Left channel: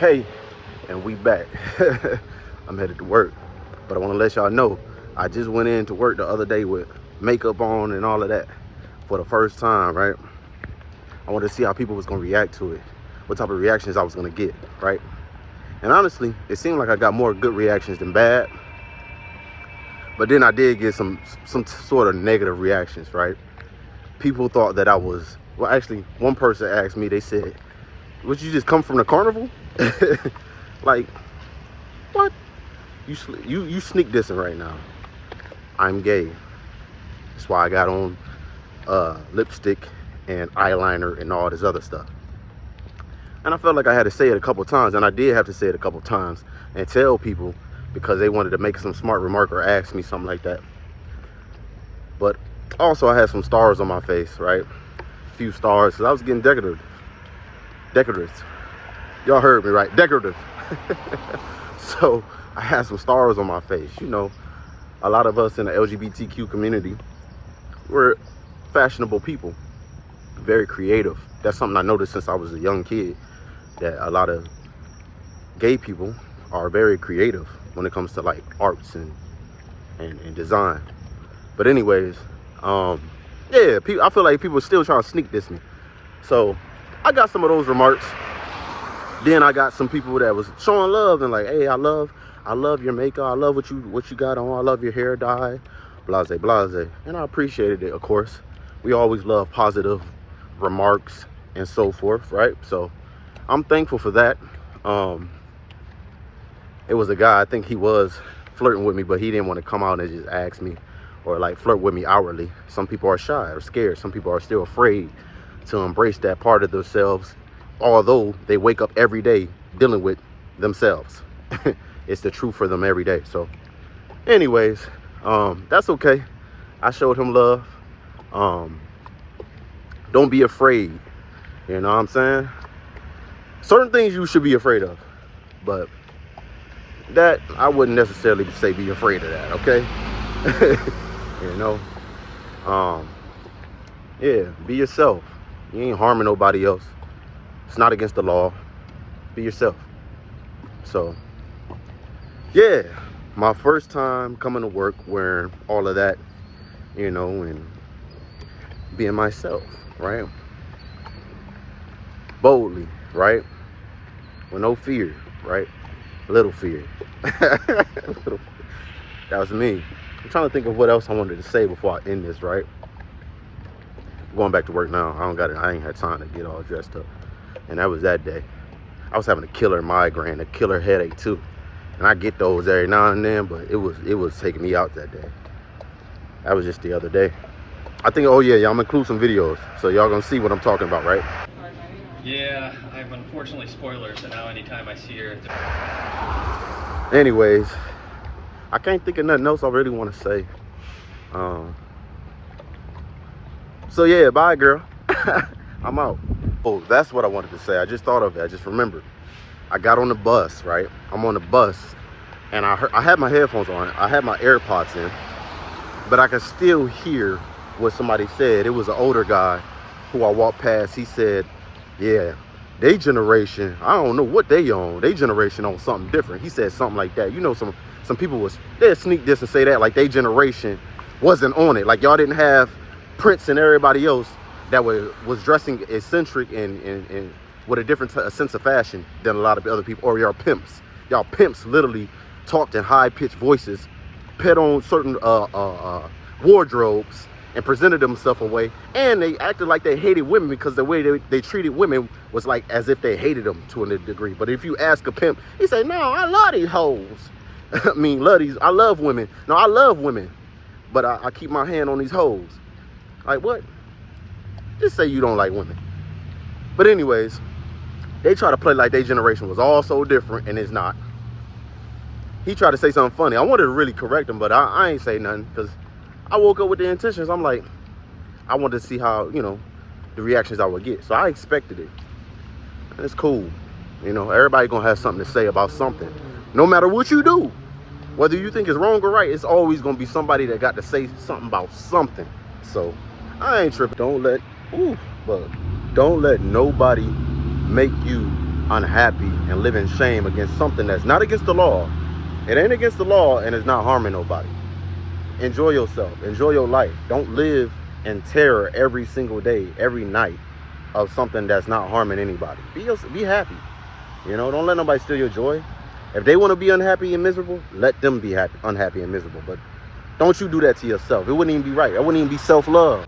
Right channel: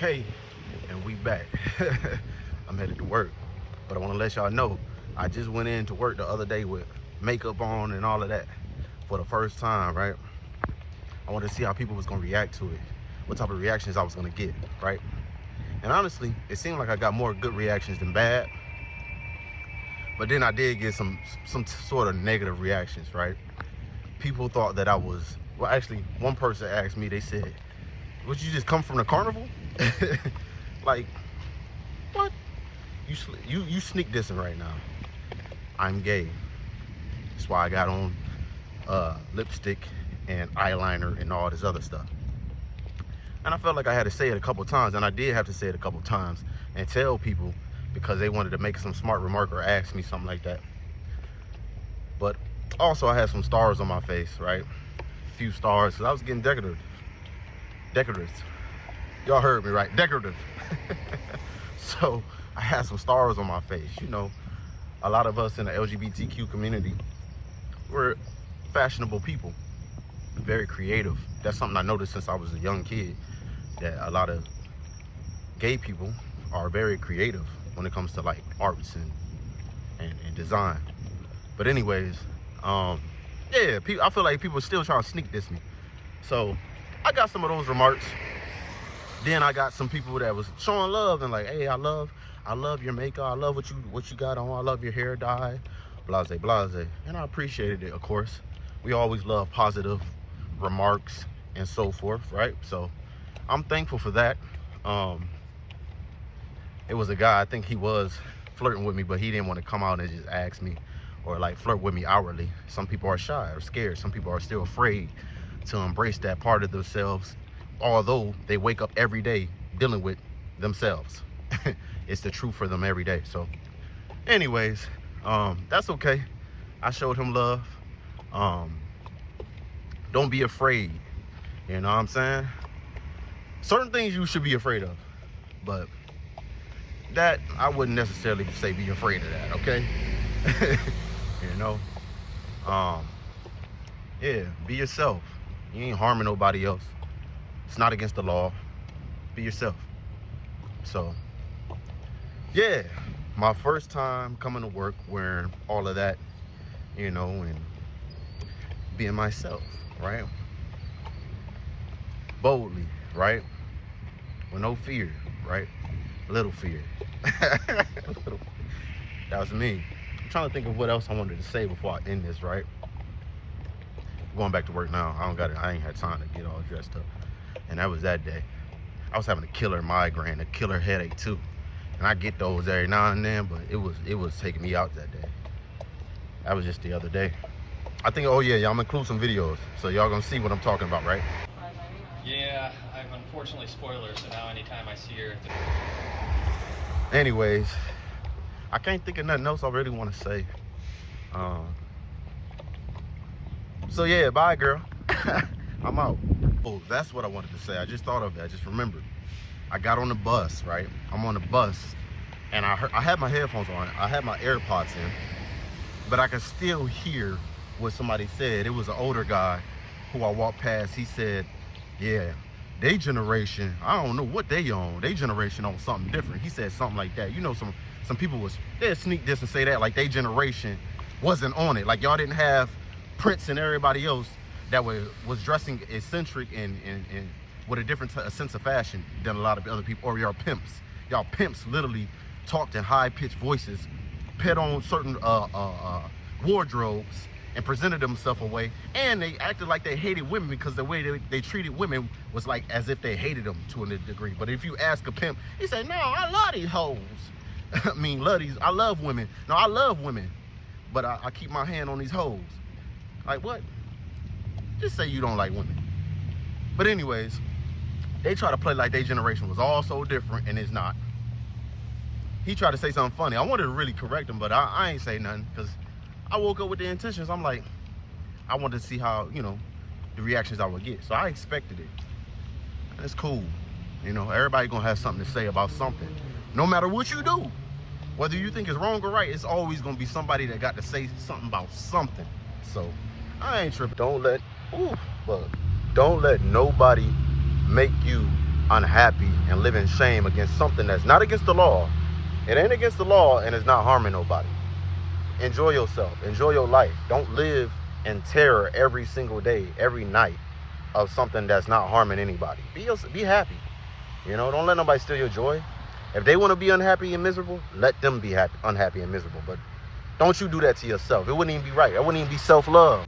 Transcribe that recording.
Okay, and we back. I'm headed to work, but I want to let y'all know I just went into work the other day with makeup on and all of that for the first time, right? I wanted to see how people was gonna react to it, what type of reactions I was gonna get, right? And honestly, it seemed like I got more good reactions than bad, but then I did get some sort of negative reactions, right? People thought that I was, well, actually, one person asked me, they said, "Would you just come from the carnival?" Like, what? You sneak dissing right now. I'm gay. That's why I got on lipstick and eyeliner and all this other stuff. And I felt like I had to say it a couple times, and I did have to say it a couple times and tell people because they wanted to make some smart remark or ask me something like that. But also I had some stars on my face, right? A few stars, because I was getting decorative. Y'all heard me right, decorative. So I had some stars on my face. You know, a lot of us in the LGBTQ community, we're fashionable people, very creative. That's something I noticed since I was a young kid, that a lot of gay people are very creative when it comes to like arts and design. But anyways, yeah, I feel like people are still trying to sneak diss me. So I got some of those remarks. Then I got some people that was showing love and like, hey, I love your makeup. I love what you got on. I love your hair dye, blase, blase. And I appreciated it, of course. We always love positive remarks and so forth, right? So I'm thankful for that. It was a guy, I think he was flirting with me, but he didn't want to come out and just ask me or like flirt with me outwardly. Some people are shy or scared. Some people are still afraid to embrace that part of themselves, although they wake up every day dealing with themselves. It's the truth for them every day. So anyways, that's okay. I showed him love. Don't be afraid. You know what I'm saying? Certain things you should be afraid of, but that I wouldn't necessarily say be afraid of that, okay? You know, yeah, be yourself. You ain't harming nobody else. It's not against the law. Be yourself. So yeah, my first time coming to work wearing all of that, you know, and being myself, right? Boldly, right? With no fear, right? Little fear. That was me. I'm trying to think of what else I wanted to say before I end this, right? I'm going back to work now. I ain't had time to get all dressed up. And that was that day. I was having a killer migraine, a killer headache too. And I get those every now and then, but it was taking me out that day. That was just the other day. I think, oh yeah, y'all, I'm gonna include some videos, so y'all gonna see what I'm talking about, right? Yeah, I'm unfortunately spoilers, so now anytime I see her. Anyways, I can't think of nothing else I really want to say. So yeah, bye girl. I'm out. Oh, that's what I wanted to say. I just thought of it. I just remembered. I got on the bus, right? I'm on the bus, and I had my headphones on. I had my AirPods in, but I could still hear what somebody said. It was an older guy who I walked past. He said, yeah, they generation, I don't know what they on. They generation on something different. He said something like that. You know, some people they'd sneak this and say that like they generation wasn't on it. Like y'all didn't have Prince and everybody else that was dressing eccentric and with a different sense of fashion than a lot of other people, or y'all pimps. Y'all pimps literally talked in high-pitched voices, put on certain wardrobes, and presented themselves away, and they acted like they hated women because the way they treated women was like as if they hated them to a degree. But if you ask a pimp, he say, no, I love these hoes. I mean, I love women. No, I love women, but I keep my hand on these hoes. Like what? Just say you don't like women. But anyways, they try to play like their generation was all so different, and it's not. He tried to say something funny. I wanted to really correct him, but I ain't say nothing because I woke up with the intentions. I'm like, I wanted to see how, you know, the reactions I would get. So I expected it. And it's cool. You know, everybody gonna have something to say about something. No matter what you do, whether you think it's wrong or right, it's always gonna be somebody that got to say something about something. So I ain't tripping. Don't let nobody make you unhappy and live in shame against something that's not against the law. It ain't against the law and it's not harming nobody. Enjoy yourself. Enjoy your life. Don't live in terror every single day, every night of something that's not harming anybody. Be happy. Don't let nobody steal your joy. If they want to be unhappy and miserable, let them be unhappy and miserable. But don't you do that to yourself. It wouldn't even be right. That wouldn't even be self-love.